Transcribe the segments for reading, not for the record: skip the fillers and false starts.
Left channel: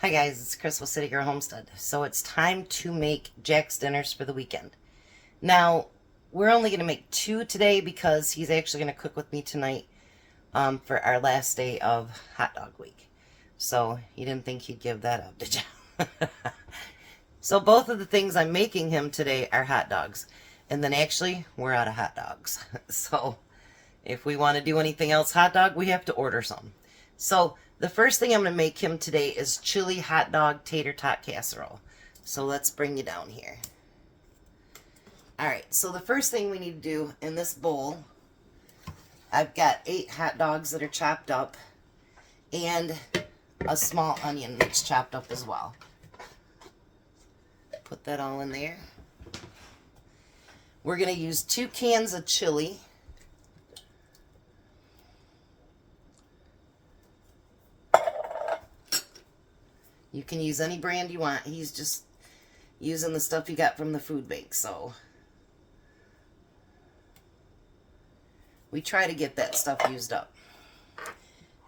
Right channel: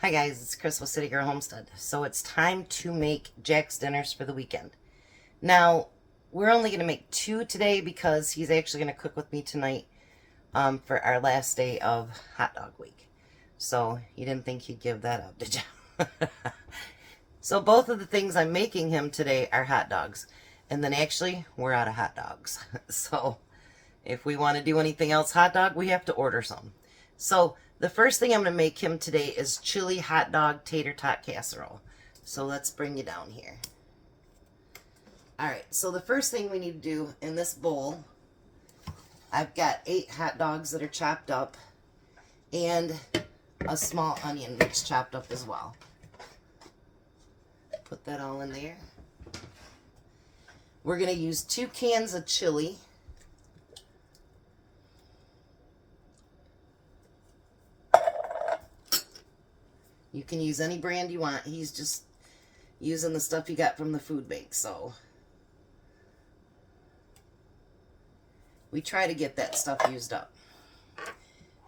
Hi guys, it's Chris with City Girl Homestead. So it's time to make Jack's dinners for the weekend. Now, we're only going to make 2 today because he's actually going to cook with me tonight for our last day of hot dog week. So you didn't think he'd give that up, did you? So both of the things I'm making him today are hot dogs. And then actually, we're out of hot dogs. So if we want to do anything else hot dog, we have to order some. So the first thing I'm going to make him today is chili hot dog tater tot casserole. So let's bring you down here. Alright, so the first thing we need to do in this bowl, I've got 8 hot dogs that are chopped up and a small onion that's chopped up as well. Put that all in there. We're going to use 2 cans of chili. You can use any brand you want. He's just using the stuff you got from the food bank, so we try to get that stuff used up.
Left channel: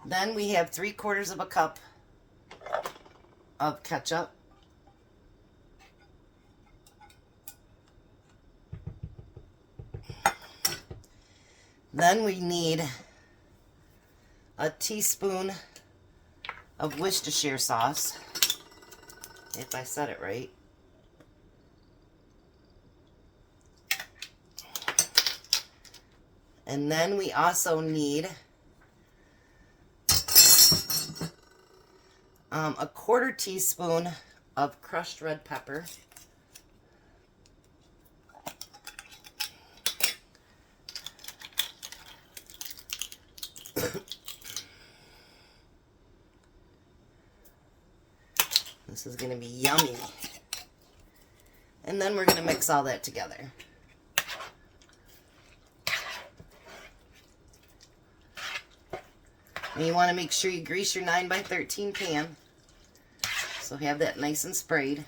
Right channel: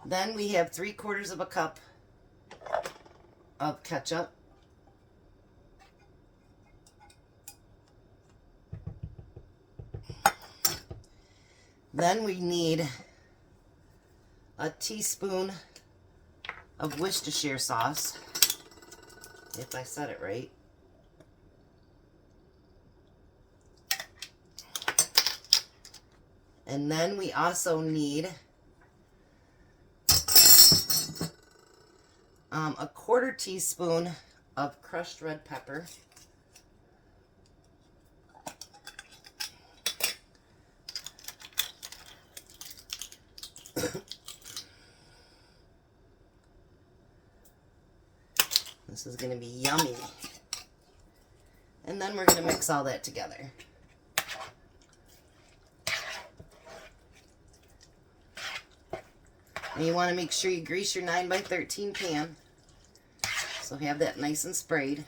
Then we have 3/4 of a cup of ketchup. Then we need a teaspoon of Worcestershire sauce, if I said it right. And then we also need a 1/4 teaspoon of crushed red pepper. This is going to be yummy. And then we're going to mix all that together. And you want to make sure you grease your 9x13 pan. So have that nice and sprayed.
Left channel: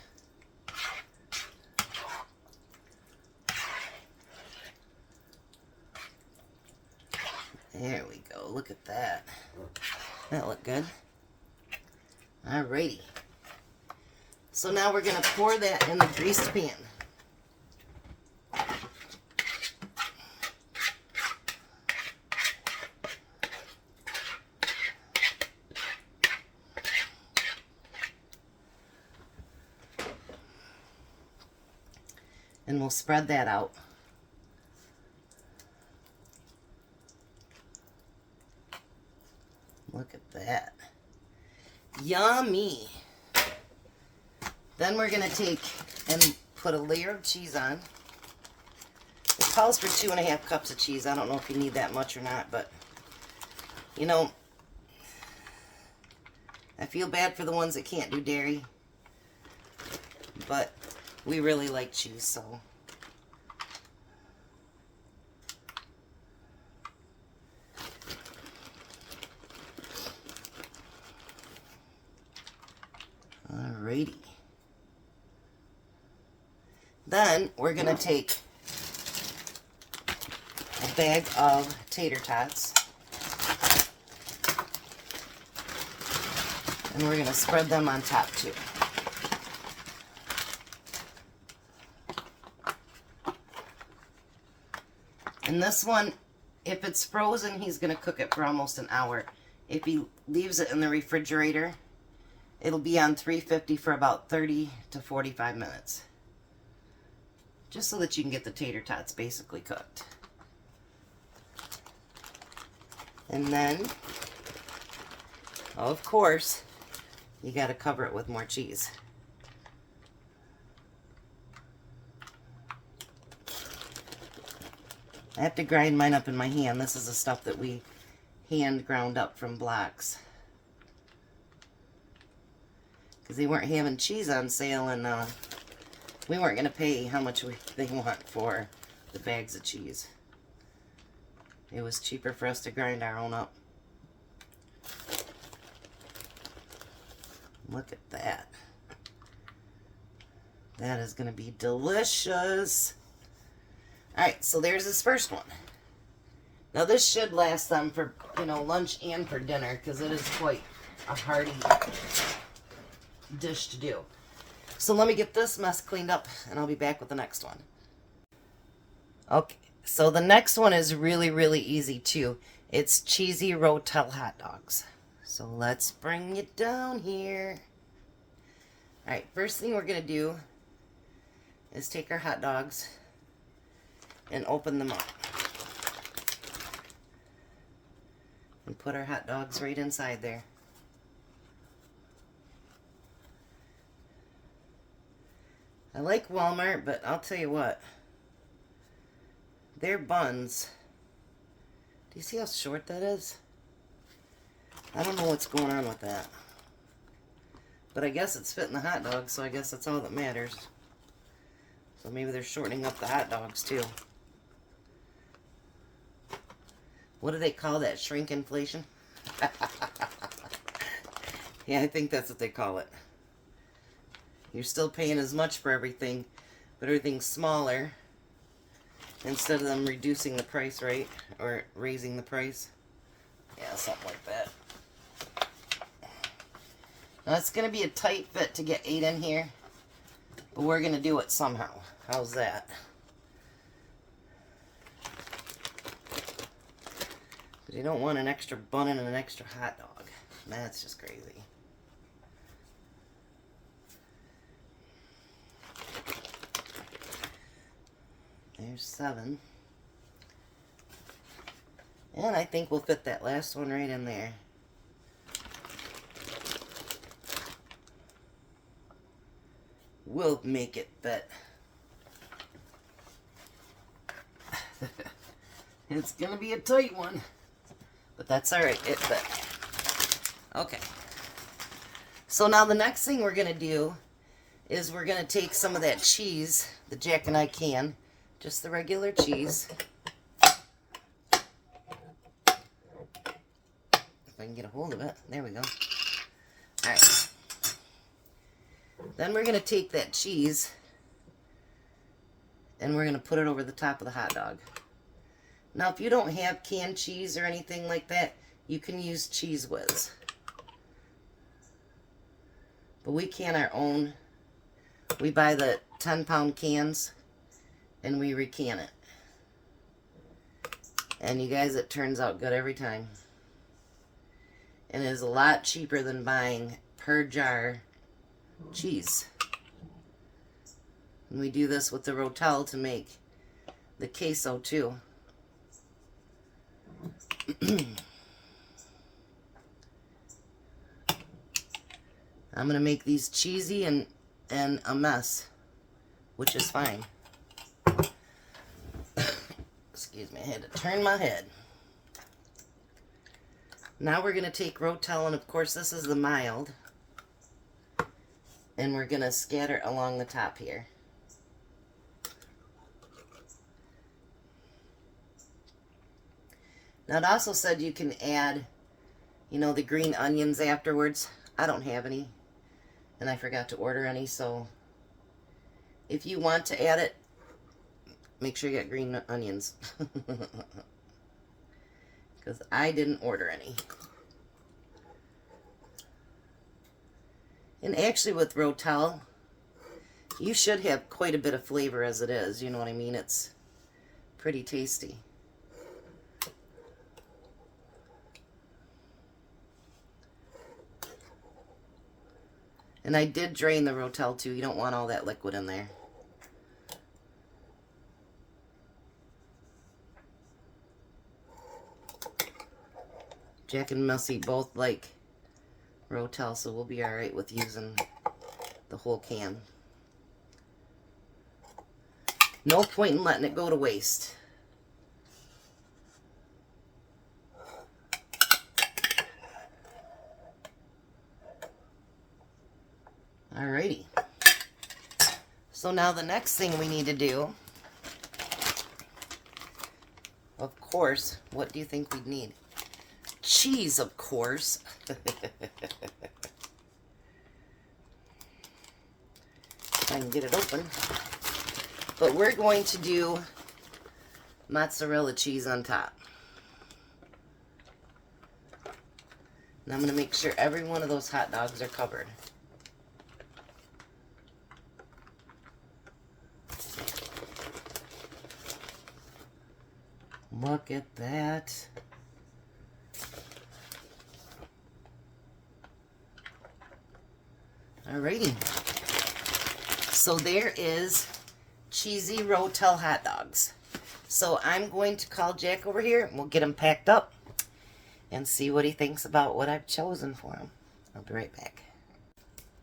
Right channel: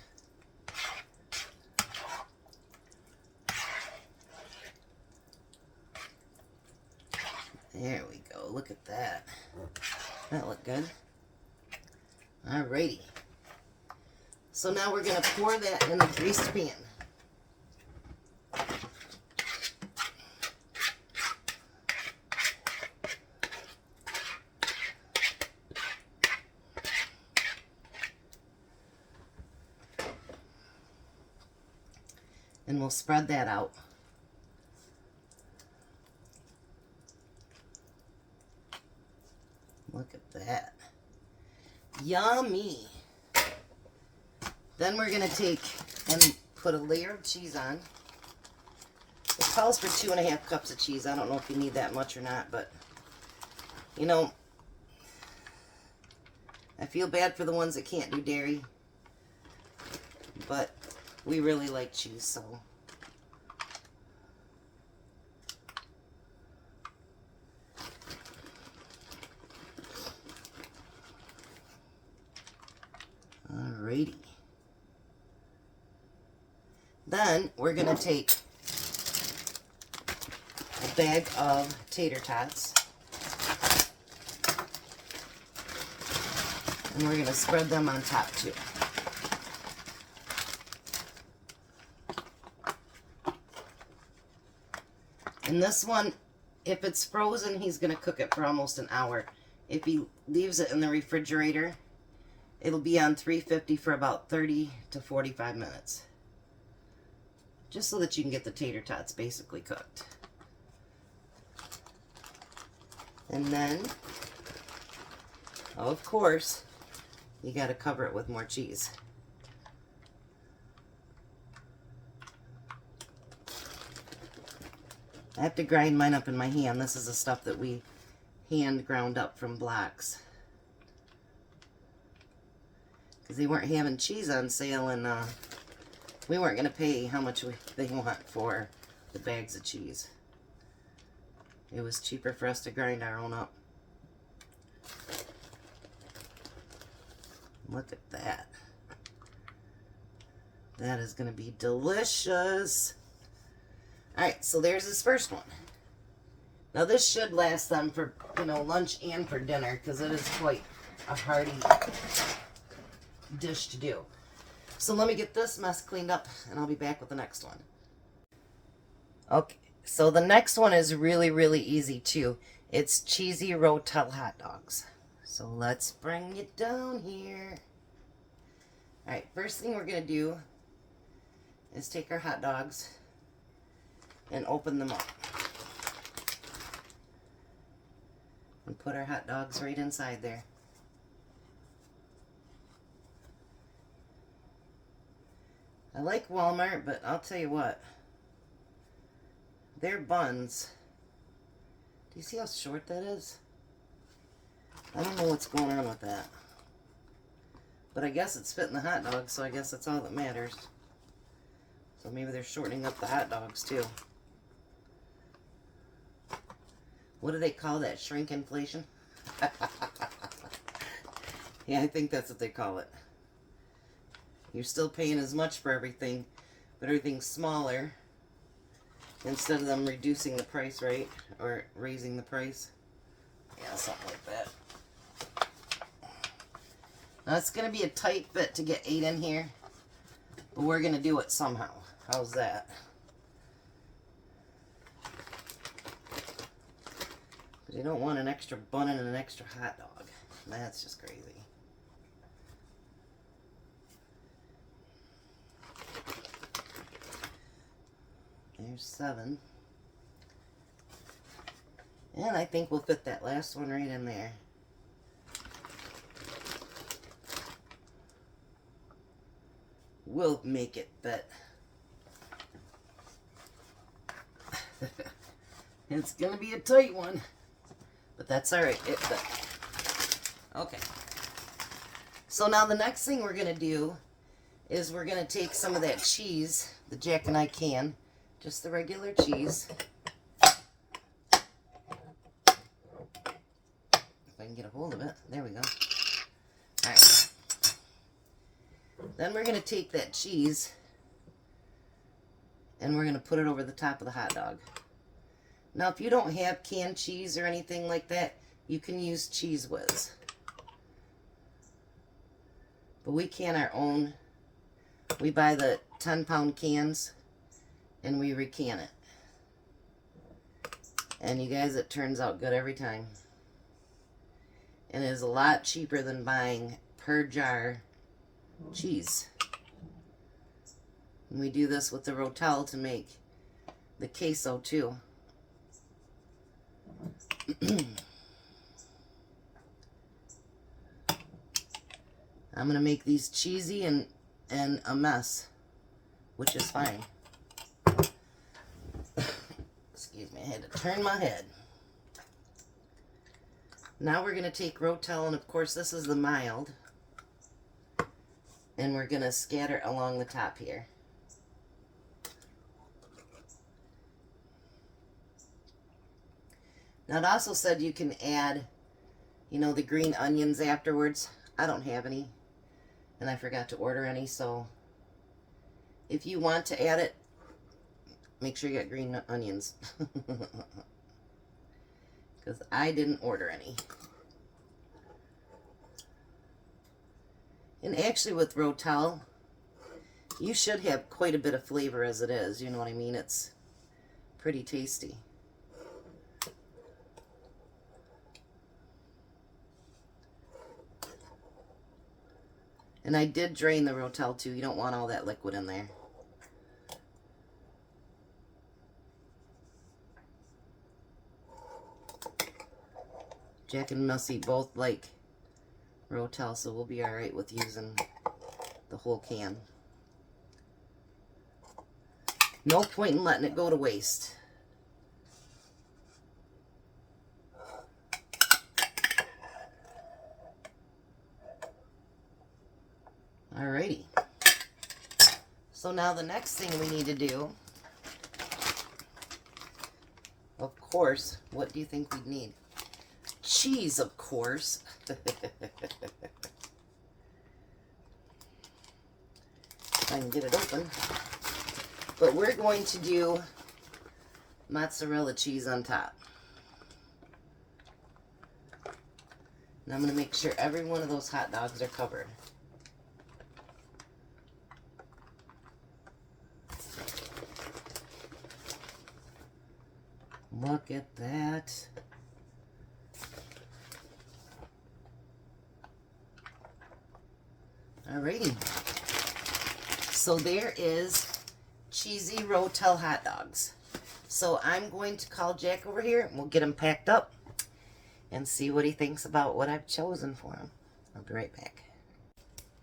There we go. Look at that. That looked good. Alrighty. So now we're going to pour that in the greased pan. And we'll spread that out. Look at that. Yummy. Then we're going to take and put a layer of cheese on. It calls for 2.5 cups of cheese. I don't know if you need that much or not, but you know, I feel bad for the ones that can't do dairy, but we really like cheese, so. Alrighty. Then we're going to take a bag of tater tots and we're going to spread them on top too. And this one, if it's frozen, he's going to cook it for almost an hour. If he leaves it in the refrigerator, it'll be on 350 for about 30 to 45 minutes. Just so that you can get the tater tots basically cooked. And then, of course, you got to cover it with more cheese. I have to grind mine up in my hand. This is the stuff that we hand ground up from blocks. Because they weren't having cheese on sale, and we weren't going to pay how much they want for the bags of cheese. It was cheaper for us to grind our own up. Look at that. That is going to be delicious. Alright, so there's this first one. Now this should last them for, lunch and for dinner, because it is quite a hearty dish to do. So let me get this mess cleaned up and I'll be back with the next one. Okay, so the next one is really, really easy too. It's cheesy rotel hot dogs. So let's bring it down here. Alright, first thing we're going to do is take our hot dogs and open them up. And put our hot dogs right inside there. I like Walmart, but I'll tell you what. Their buns, do you see how short that is? I don't know what's going on with that. But I guess it's fitting the hot dog, so I guess that's all that matters. So maybe they're shortening up the hot dogs too. What do they call that? Shrinkflation? Yeah, I think that's what they call it. You're still paying as much for everything, but everything's smaller. Instead of them reducing the price, right? Or raising the price. Yeah, something like that. Now, it's going to be a tight fit to get 8 in here. But we're going to do it somehow. How's that? Because you don't want an extra bun and an extra hot dog. That's just crazy. There's 7. And I think we'll fit that last one right in there. We'll make it fit. It's gonna be a tight one, but that's alright, it fit. Okay. So now the next thing we're gonna do is we're gonna take some of that cheese, the Jack and I can, just the regular cheese. If I can get a hold of it. There we go. Alright. Then we're going to take that cheese and we're going to put it over the top of the hot dog. Now, if you don't have canned cheese or anything like that, you can use Cheese Whiz. But we can our own. We buy the 10-pound cans and we recan it. And you guys, it turns out good every time. And it is a lot cheaper than buying per jar cheese. And we do this with the rotel to make the queso too. I'm going to make these cheesy and a mess, which is fine. Excuse me, I had to turn my head. Now we're going to take rotel, and of course this is the mild. And we're going to scatter it along the top here. Now it also said you can add, you know, the green onions afterwards. I don't have any, and I forgot to order any, so if you want to add it, make sure you get green onions. Because I didn't order any. And actually with rotel, you should have quite a bit of flavor as it is. You know what I mean? It's pretty tasty. And I did drain the rotel too. You don't want all that liquid in there. Jack and Missy both like rotel, so we'll be alright with using the whole can. No point in letting it go to waste. Alrighty. So now the next thing we need to do, of course, what do you think we'd need? Cheese, of course. I can get it open. But we're going to do mozzarella cheese on top. And I'm going to make sure every one of those hot dogs are covered. Look at that. Alrighty. So there is cheesy rotel hot dogs. So I'm going to call Jack over here and we'll get him packed up and see what he thinks about what I've chosen for him. I'll be right back.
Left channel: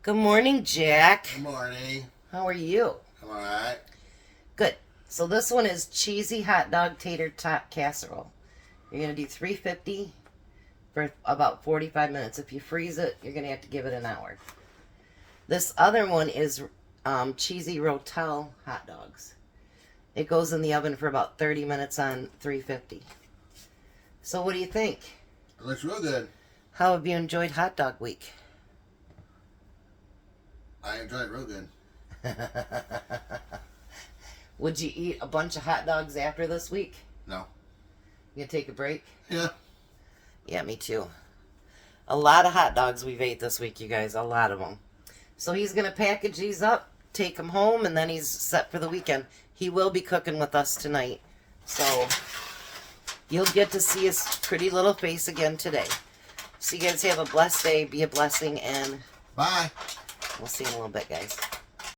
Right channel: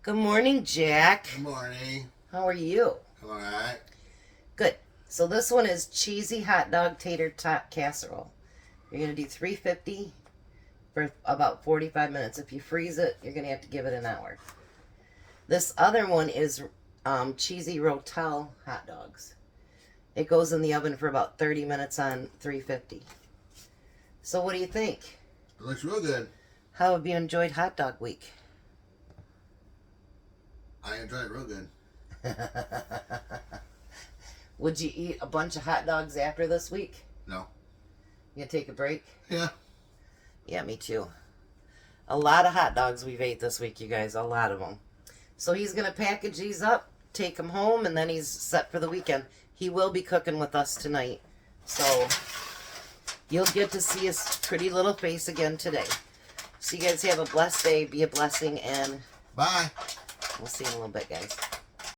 Good morning, Jack. Good morning. How are you? I'm alright. Good. So this one is cheesy hot dog tater tot casserole. You're going to do 350 for about 45 minutes. If you freeze it, you're going to have to give it an hour. This other one is cheesy rotel hot dogs. It goes in the oven for about 30 minutes on 350. So what do you think? It looks real good. How have you enjoyed hot dog week? I enjoy it real good. Would you eat a bunch of hot dogs after this week? No. You gonna take a break? Yeah. Yeah, me too. A lot of hot dogs we've ate this week, you guys. A lot of them. So he's going to package these up, take them home, and then he's set for the weekend. He will be cooking with us tonight. So you'll get to see his pretty little face again today. So you guys have a blessed day. Be a blessing, and bye. We'll see you in a little bit, guys.